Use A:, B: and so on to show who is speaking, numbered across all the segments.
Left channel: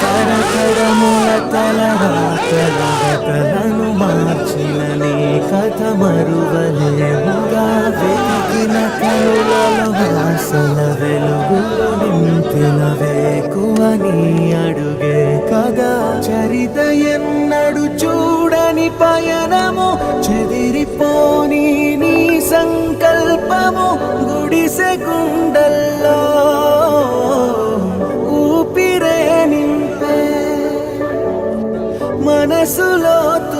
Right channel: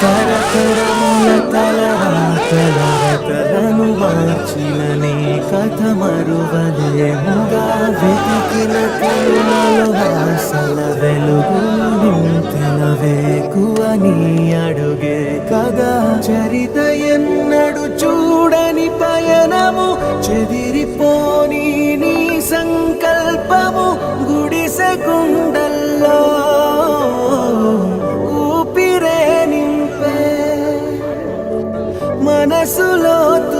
A: తరతరముల తలరాతలను మార్చిన నీ కథ మరువలేముగా వెతికిన కనులలో ఆశల వెలుగు నింపిన వేకువ అడుగే కదా చరిత ఎన్నడు చూడని పయనము చెదిరిపోని నీ సంకల్పము గుడిసె గుండల్లో solo tú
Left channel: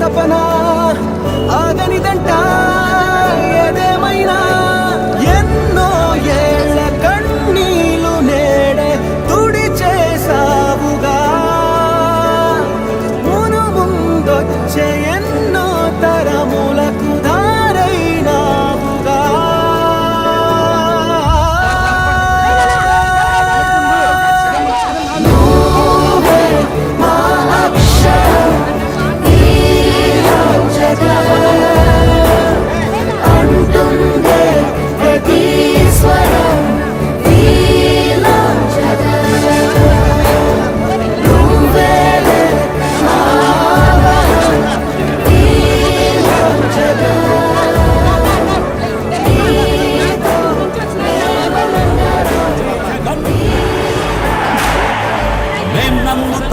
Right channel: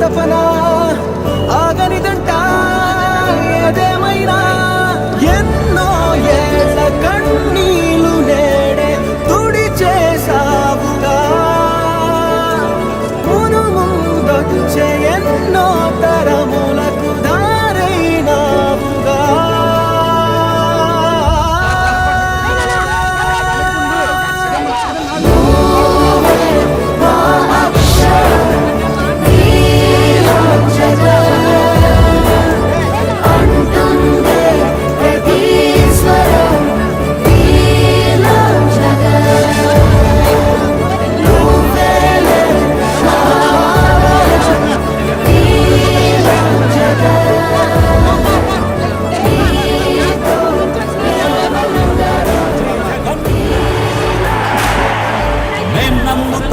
A: తపన ఆగనిదంట. ఏదేమైనా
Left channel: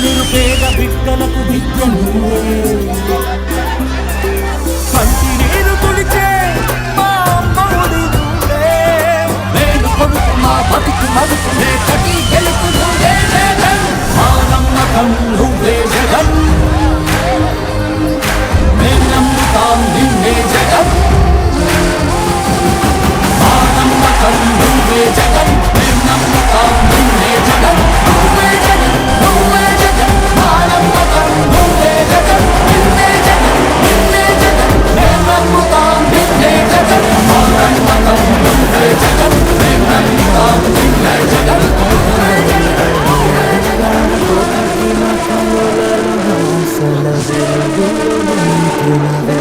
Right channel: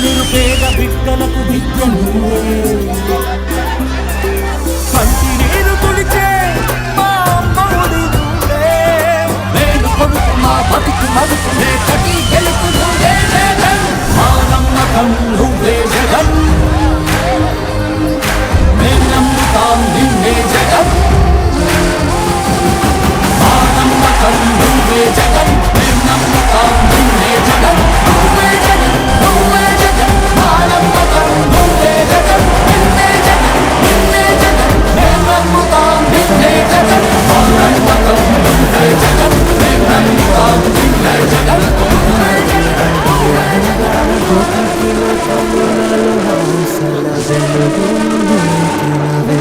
B: నిరుపేద బిడ్డలకు విద్య నువ్వే పంటి మా అమ్మవుడి నువ్వే. బతుకు మదుకు నే గెలుపు నువ్వే
A: love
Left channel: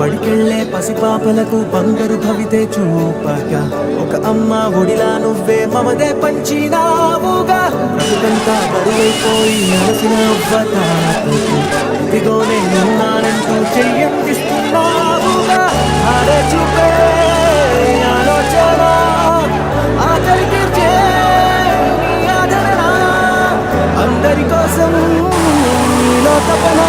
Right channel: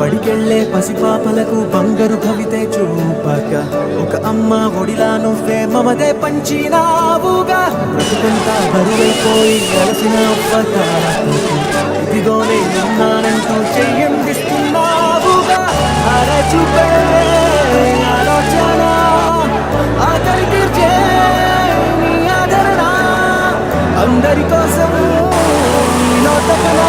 A: బడికెళ్ళే పసిపాపలకు బంగారు భవితే చూపక. ఒక అమ్మ ఒడిలా నువ్వే మమదే పంచినావుగా. బ్రతుకంతా బరువైపోయి నలసిన ఇదిగోనే ఉన్నానంటూ నేనున్నానంటూ చెయ్యందిస్తున్నావుగా ఆలోచన అందరి కోసం నీలో తపన